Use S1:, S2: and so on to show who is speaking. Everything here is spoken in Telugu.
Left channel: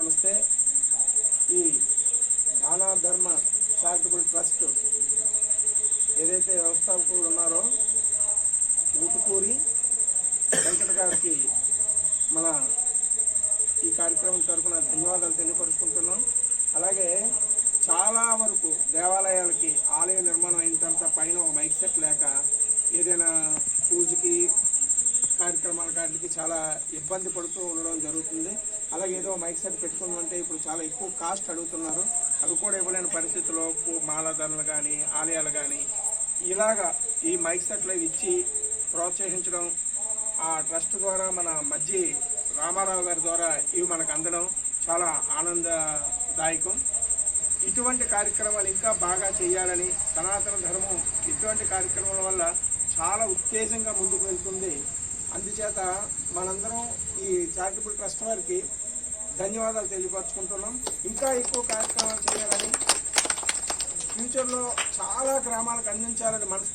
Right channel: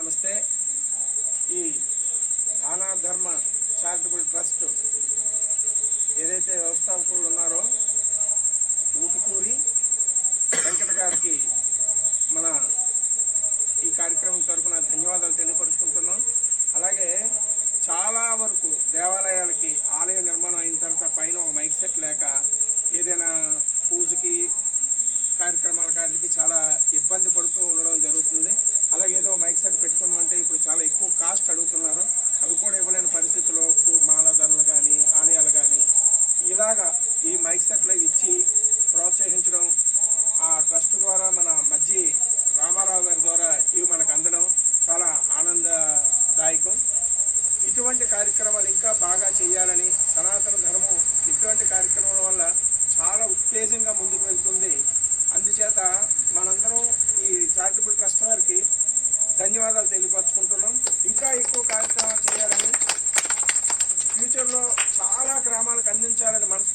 S1: నమస్తే. ఈ దానా ధర్మ చారిటబుల్ ట్రస్ట్ ఏదైతే వ్యవస్థాపకులు ఉన్నారో ఊటుకూరి వెంకట గారికి మన ఈ కార్యక్రమం తరఫున ధన్యవాదాలు తెలియపరుచుకుంటున్నాం. అలాగే చాలా వరకు దేవాలయాలకి ఆలయ నిర్మాణం అయిన తర్వాత పైన ఒక మైక్ సెట్ లేక ఏదైనా పూజకి కార్యక్రమాల కాటికి చాలా ఇబ్బంది పడుతూ ఉండడం జరుగుతుంది. ఏదో మైక్ సెట్ పెట్టుకుందంటే ఇప్పుడు చాలా ఎక్కువ కాస్ట్ అడుగుతున్నారు. అవి కూడా ఇవ్వలేని పరిస్థితుల్లో పూ- కానీ ఆలయాలు కానీ ఇలాగా ఈ మైక్ సెట్లు ఇచ్చి ప్రోత్సహించడం ఆ ట్రస్ట్ ద్వారా మన మధ్య రామారావు గారి ద్వారా ఇవి మనకు అందడం చాలా ఆనందదాయకం. ఇటువంటి కార్యక్రమాలు ఇంకా బాగా చేయాలని సనాతన ధర్మం ఇటువంటి కార్యక్రమాల వల్ల చాలా ఉత్తేజంగా ముందుకు వెళ్తుంది. అందుచేత మనందరం ధన్యవాదాలు తెలియపరచుకుంటున్నాం. ఇంకా ఎక్కువ కార్యక్రమాలు చేయాలని ఫ్యూచర్లో చాలా గ్రామాలకు అందించాలని మనసు